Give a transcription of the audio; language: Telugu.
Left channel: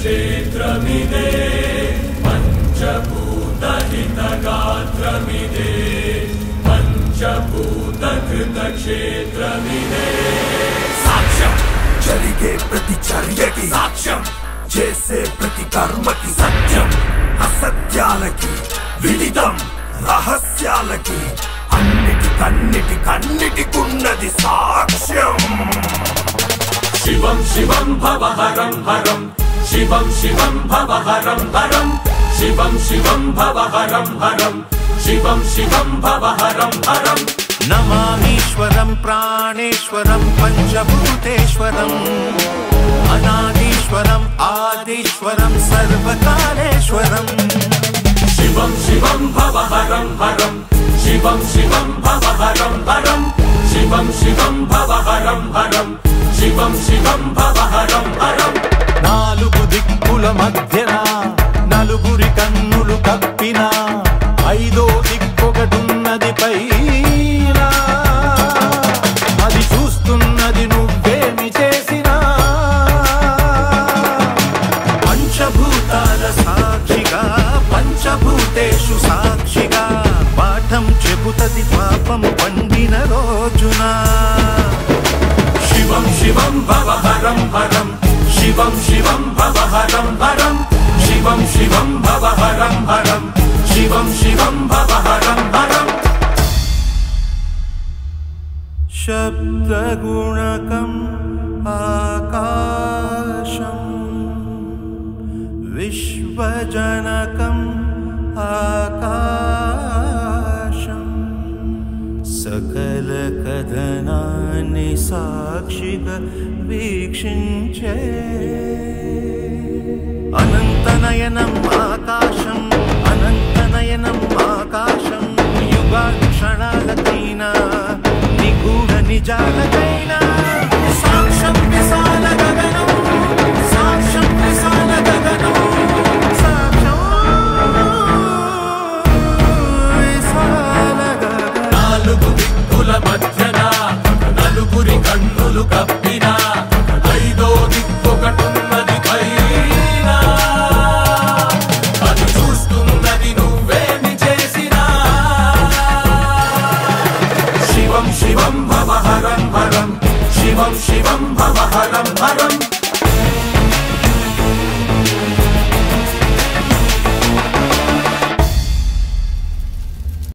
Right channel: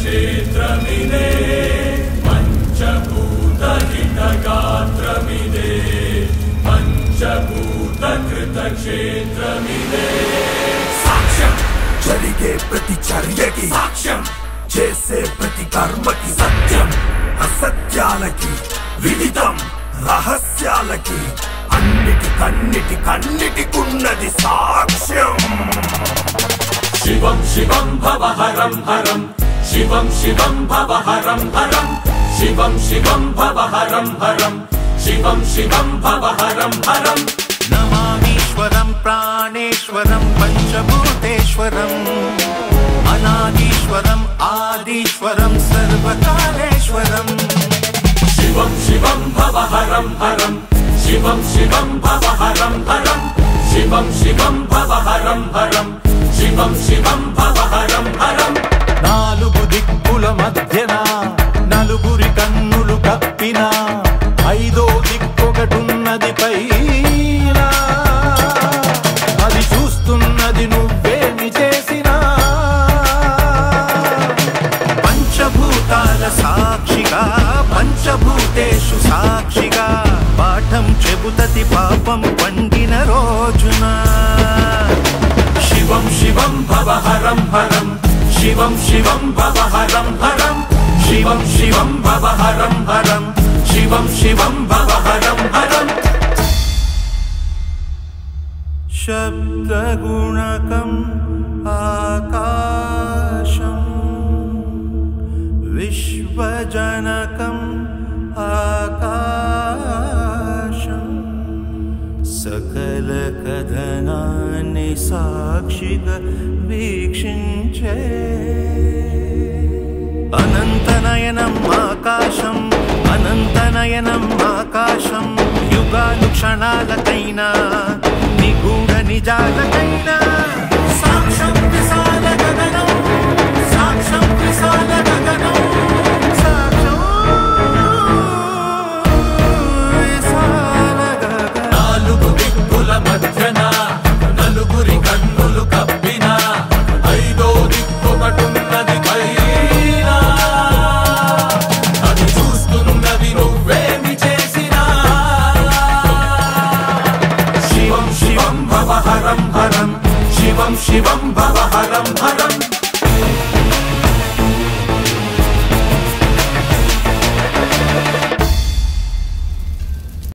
क्षेत्रमिदे पञ्चभूतहितगात्रमिदे पञ्चभूतकृतक्षेत्रमिदे साक्ष्यं జరిగే ప్రతి చర్యకి సాక్ష్యం చేసే ప్రతి కర్మకి సత్యం అసత్యాలకి విదితం రహస్యాలకి అన్నిటికన్నిటికున్నది సాక్ష్యం శివం శివం భవహరం హరం శివం శివం భవహరం హరం శివం శివం భవహరం హరం శివం శివం భవహరం హరం నమామీశ్వరం ప్రాణేశ్వరం పంచభూతేశ్వరం అనాదీశ్వరం ఆదీశ్వరం సర్వకాలేశ్వరం శివం శివం భవహరం హరం శివం శివం భవహరం హరం శివం శివం భవహరం హరం శివం శివం భవహరం హరం నాలుగు దిక్కుల మధ్యన నలుగురి కన్నులు కప్పిన ఐదో దిక్కొకటున్నది పైన అది చూస్తున్నది నువ్వేమి చేసినా పంచభూతాల సాక్షిగా పంచభూతేషు సాక్షిగా పాఠం చెబుతది పాపము పండిన రోజున శివం శివం భవహరం హరం శివం శివం భవహరం హరం శివం శివం భవహరం హరం శివం శివం భవహరం హరం శబ్దగుణకం ఆకాశం విశ్వజనకం ఆకాశం సకల కథనాన్ని సాక్షిగా వీక్షించే అనంతనయనం ఆకాశం అనంతనయనం ఆకాశం యుగానుక్షణాలకైనా